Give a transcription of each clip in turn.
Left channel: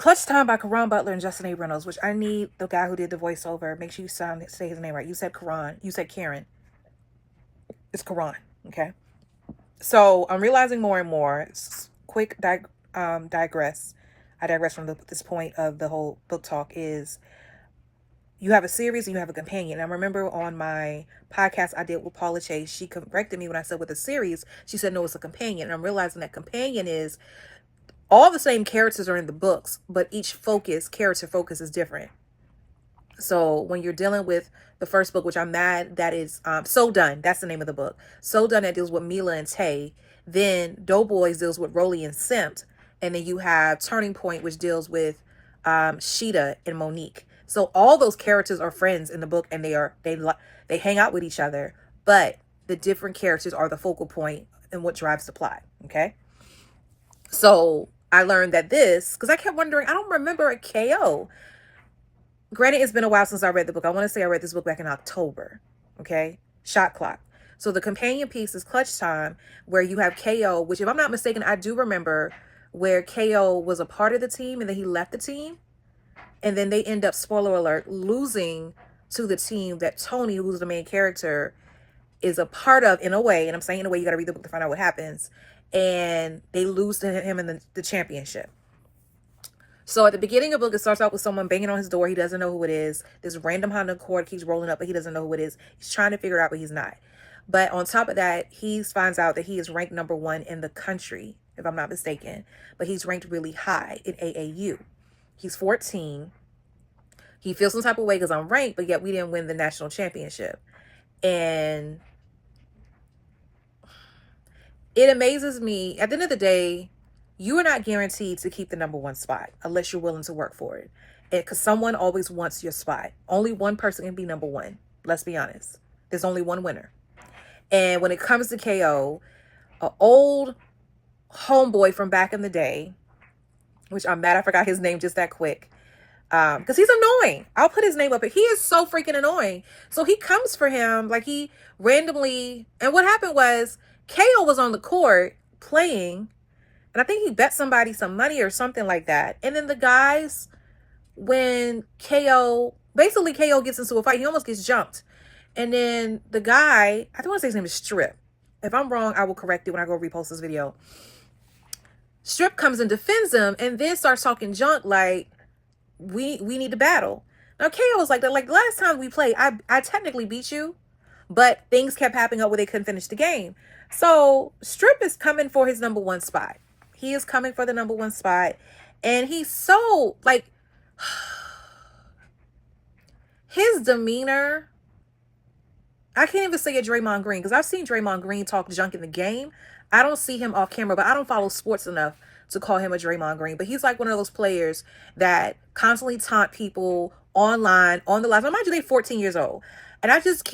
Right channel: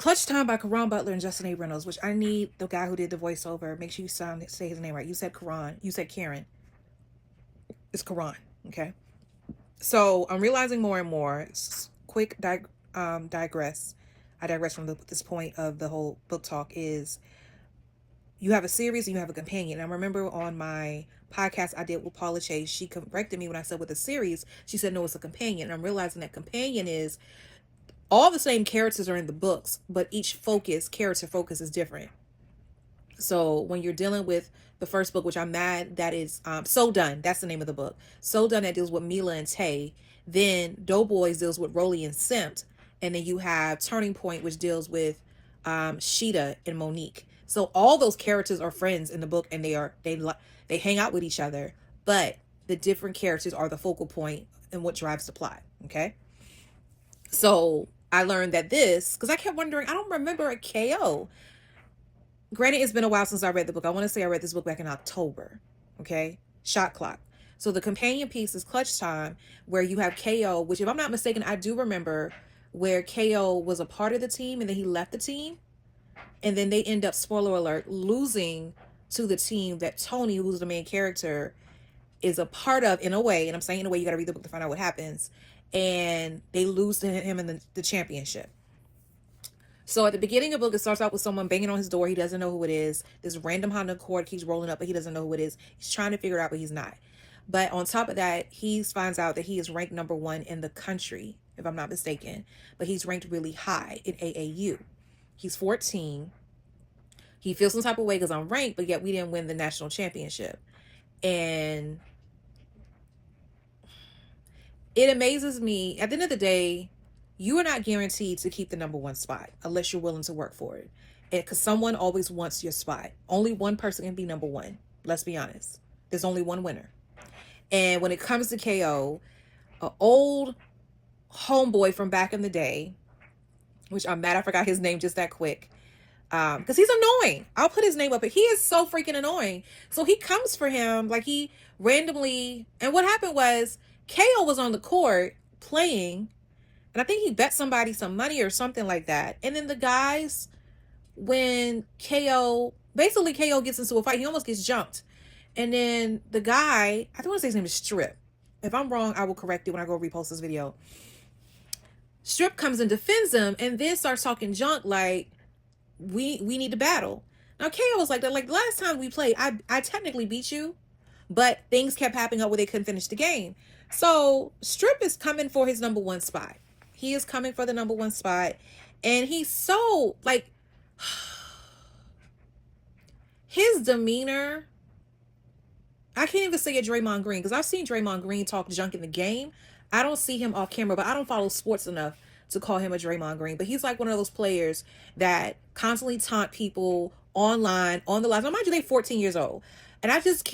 Clutch Time by Caron, Butler, and Justin A. Reynolds, which I need the guy who did the voiceover. Make sure you say his name right. You said Caron. You said Caron. It's Caron. Okay. So I'm realizing more and more. Quick digress. I digress from this point of the whole book talk is you have a series and you have a companion. I remember on my podcast I did with Paula Chase, she corrected me when I said with a series. She said, no, it's a companion. And I'm realizing that companion is all the same characters are in the books, but each character focus is different. So when you're dealing with the first book, which I'm mad that is So Done, that's the name of the book. So Done, that deals with Mila and Tay. Then Doughboys deals with Rolly and Simp. And then you have Turning Point, which deals with Sheeta and Monique. So all those characters are friends in the book, and they hang out with each other, but the different characters are the focal point and what drives the plot. Okay. So I learned that because I kept wondering, I don't remember a KO. Granted, it's been a while since I read the book. I want to say I read this book back in October. Okay. Shot Clock. So the companion piece is Clutch Time, where you have KO, which if I'm not mistaken, I do remember where KO was a part of the team and then he left the team. And then they end up, spoiler alert, losing to the team that Tony, who's the main character, is a part of in a way. And I'm saying in a way, you got to read the book to find out what happens. And they lose to him in the championship. So at the beginning of the book, it starts out with someone banging on his door. He doesn't know who it is. This random Honda Accord keeps rolling up, but he doesn't know who it is. He's trying to figure it out, but he's not. But on top of that, he finds out that he is ranked #1 in the country, if I'm not mistaken. But he's ranked really high in AAU. He's 14. He feels some type of way because I'm ranked, but yet we didn't win the national championship. And it amazes me. At the end of the day, you are not guaranteed to keep the #1 spot unless you're willing to work for it. Because someone always wants your spot. Only one person can be #1. Let's be honest. There's only one winner. And when it comes to KO, an old homeboy from back in the day, which I'm mad I forgot his name just that quick, because he's annoying. I'll put his name up, but he is so freaking annoying. So he comes for him, like he randomly, and what happened was KO was on the court playing, and I think he bet somebody some money or something like that. And then the guys, when KO gets into a fight, he almost gets jumped. And then the guy, I don't want to say his name is Strip. If I'm wrong, I will correct it when I go repost this video. Strip comes and defends him and then starts talking junk like, we need to battle. Now, KO was like that. Like, the last time we played, I technically beat you, but things kept happening up where they couldn't finish the game. So Strip is coming for his #1 spot. He is coming for the #1 spot. And he's so, like, his demeanor, I can't even say a Draymond Green, because I've seen Draymond Green talk junk in the game. I don't see him off camera, but I don't follow sports enough to call him a Draymond Green. But he's like one of those players that constantly taunt people online, on the live. Now, mind you, they're 14 years old. And I just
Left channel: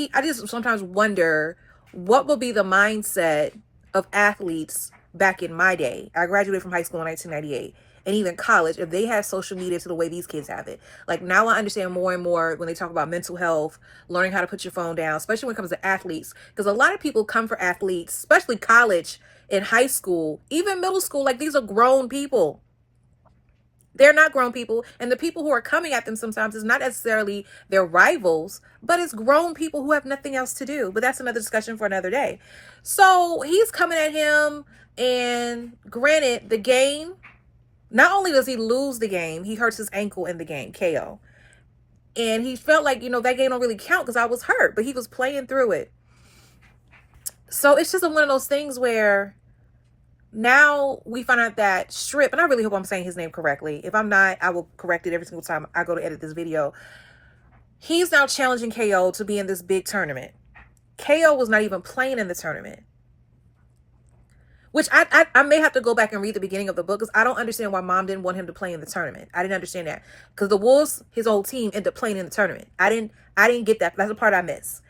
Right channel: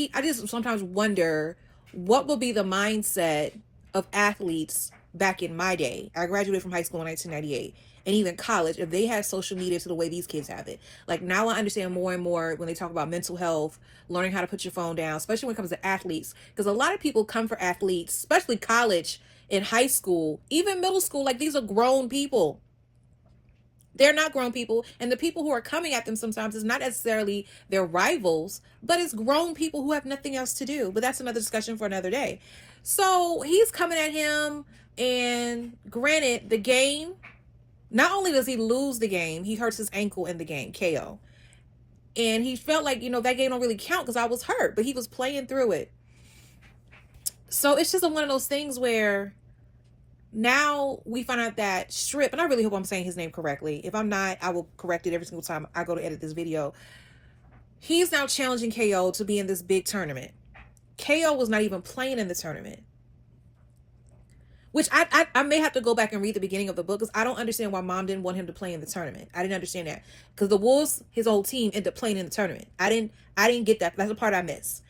sometimes wonder what will be the mindset of athletes back in my day. I graduated from high school in 1998. And even college, if they have social media to the way these kids have it. Like, now I understand more and more when they talk about mental health, learning how to put your phone down, especially when it comes to athletes. Because a lot of people come for athletes, especially college and high school, even middle school. Like, these are grown people. They're not grown people. And the people who are coming at them sometimes is not necessarily their rivals, but it's grown people who have nothing else to do. But that's another discussion for another day. So he's coming at him. And granted, the game, not only does he lose the game, he hurts his ankle in the game, KO. And he felt like, that game don't really count because I was hurt, but he was playing through it. So it's just one of those things where now we find out that Strip, and I really hope I'm saying his name correctly. If I'm not, I will correct it every single time I go to edit this video. He's now challenging KO to be in this big tournament. KO was not even playing in the tournament. Which I may have to go back and read the beginning of the book because I don't understand why mom didn't want him to play in the tournament. I didn't understand that. Because the Wolves, his old team, ended up playing in the tournament. I didn't get that. That's the part I missed.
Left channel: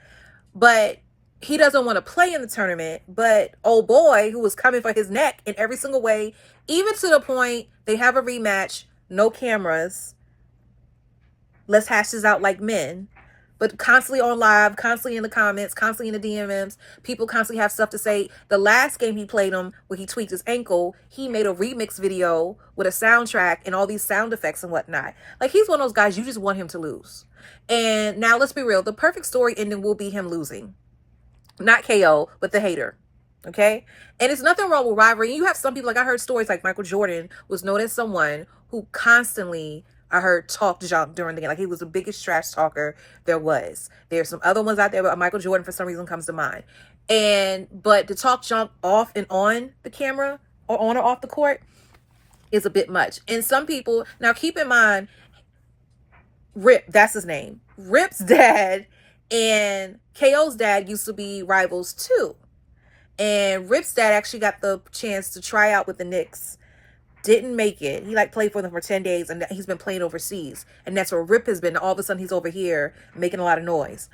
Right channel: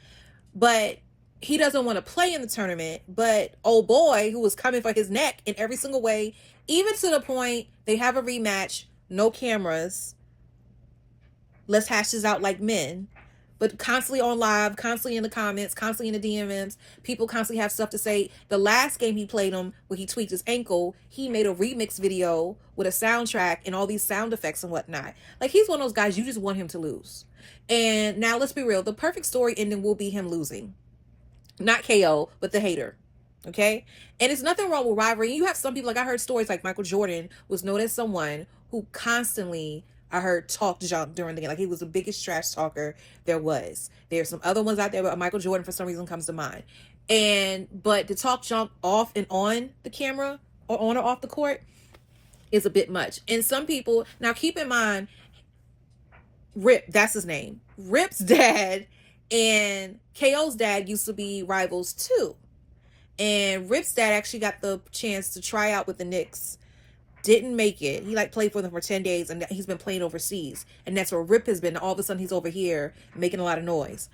But he doesn't want to play in the tournament. But old boy, who was coming for his neck in every single way, even to the point they have a rematch, no cameras. Let's hash this out like men. but constantly on live, constantly in the comments, constantly in the DMs. People constantly have stuff to say. The last game he played him, where he tweaked his ankle, he made a remix video with a soundtrack and all these sound effects and whatnot. Like, he's one of those guys, you just want him to lose. And now, let's be real. The perfect story ending will be him losing. Not KO, but the hater. Okay? And it's nothing wrong with rivalry. You have some people, like I heard stories like Michael Jordan was known as someone who constantly, I heard, talked junk during the game. Like, he was the biggest trash talker there was. There's some other ones out there, but Michael Jordan for some reason comes to mind. But to talk junk off and on the camera, or on or off the court, is a bit much. And some people, now keep in mind, Ripp, that's his name. Ripp's dad and KO's dad used to be rivals too. And Ripp's dad actually got the chance to try out with the Knicks. Didn't make it. He played for them for 10 days, and he's been playing overseas. And that's where Ripp has been. All of a sudden, he's over here making a lot of noise.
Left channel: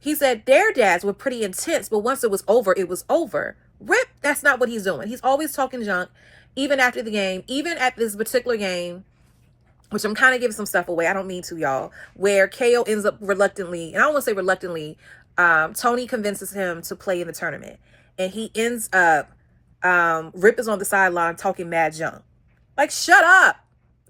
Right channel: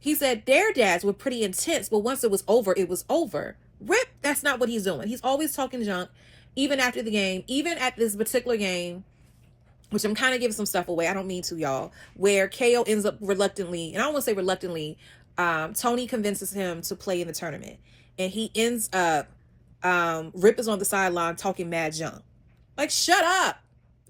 He said their dads were pretty intense, but once it was over, it was over. Ripp, that's not what he's doing. He's always talking junk, even after the game, even at this particular game, which I'm kind of giving some stuff away. I don't mean to, y'all, where KO ends up reluctantly, and I don't want to say reluctantly, Tony convinces him to play in the tournament. And he ends up, Ripp is on the sideline talking mad junk. Like, shut up.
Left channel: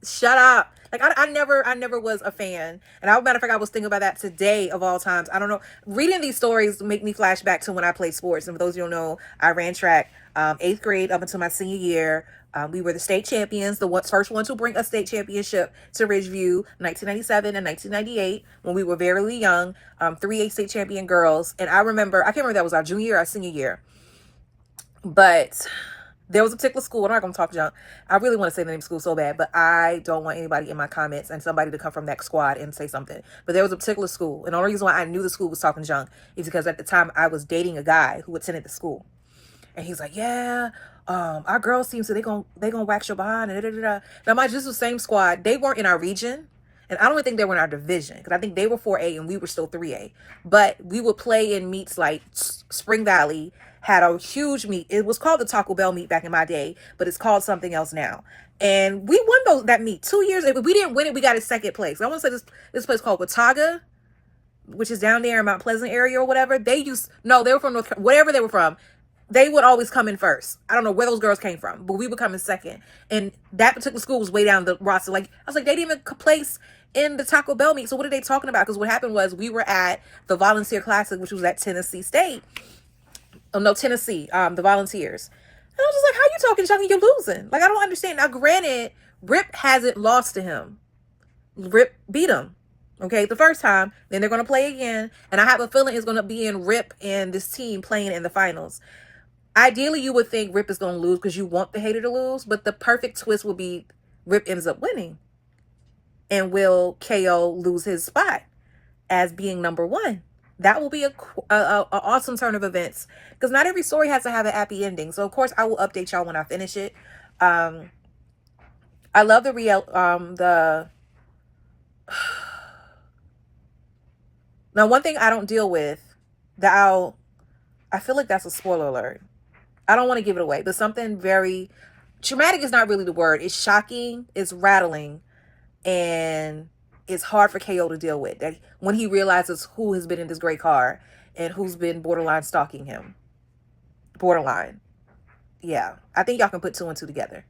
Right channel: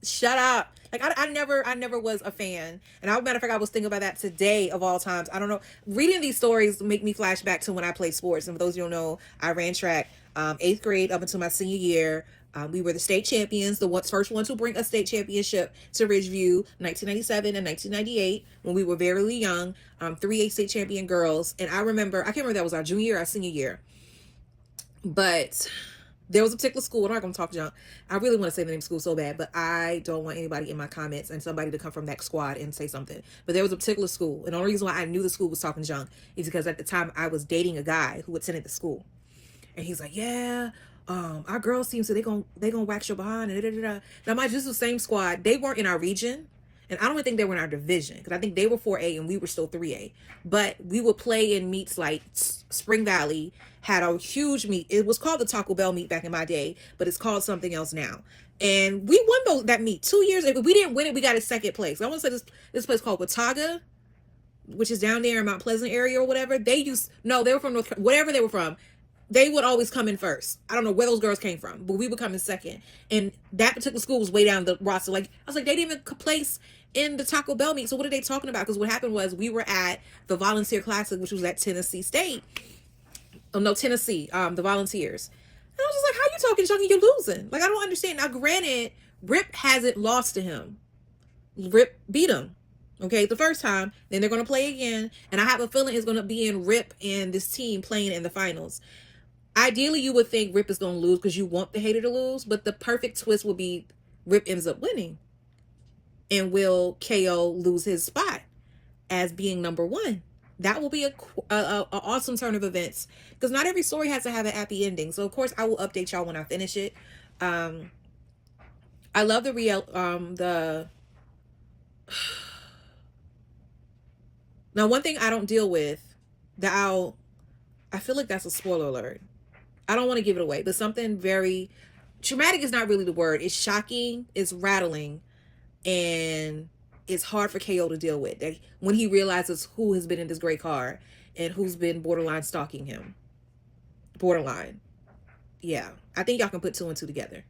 Shut up. Like, I never was a fan. And as a matter of fact, I was thinking about that today of all times. I don't know. Reading these stories make me flash back to when I played sports. And for those of you who don't know, I ran track 8th grade up until my senior year. We were the state champions, the first ones to bring a state championship to Ridgeview, 1997 and 1998, when we were very young, 3A state champion girls. And I can't remember if that was our junior or our senior year. But there was a particular school, I'm not going to talk junk. I really want to say the name of the school so bad, but I don't want anybody in my comments and somebody to come from that squad and say something. But there was a particular school, and the only reason why I knew the school was talking junk is because at the time I was dating a guy who attended the school. And he's like, yeah, our girls seem to, they gonna wax your behind, and da-da-da-da. Now, mind you, this was the same squad. They weren't in our region, and I don't even think they were in our division, because I think they were 4A and we were still 3A. But we would play in meets like Spring Valley had a huge meet. It was called the Taco Bell meet back in my day, but it's called something else now. And we won that meet 2 years. If we didn't win it, we got a second place. I want to say this place called Watauga, which is down there in Mount Pleasant area or whatever. They were from whatever they were from. They would always come in first. I don't know where those girls came from, but we would come in second. And that particular school was way down the roster. Like, I was like, they didn't even place in the Taco Bell meet. So what are they talking about? Because what happened was we were at the Volunteer Classic, which was at Tennessee State. Oh, no, Tennessee, the Volunteers. And I was just like, how you talking, Chucky? You're losing. Like, I don't understand. Now, granted, Ripp hasn't lost to him. Ripp beat him. Okay, the first time. Then they're going to play again. And I have a feeling it's going to be in Ripp and this team playing in the finals. Ideally, you would think Ripp is going to lose because you want the hater to lose. But the perfect twist will be Ripp ends up winning. And will KO lose his spot as being number one? That will be a awesome turn of events, because not every story has to have a happy ending. So of course I will update y'all when I finish it. I love now, one thing I don't deal with that I feel like that's a spoiler alert. I don't want to give it away, but something very traumatic is not really the word. It's shocking, it's rattling, and it's hard for KO to deal with. That when he realizes who has been in this gray car and who's been borderline stalking him. Borderline. Yeah. I think y'all can put 2 and 2 together.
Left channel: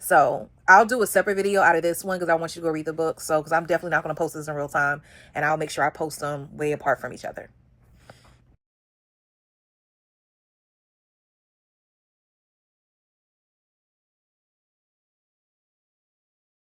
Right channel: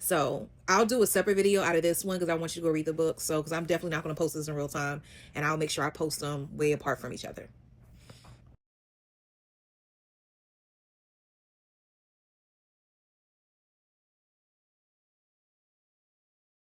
So I'll do a separate video out of this one because I want you to go read the book. So, because I'm definitely not going to post this in real time. And I'll make sure I post them way apart from each other.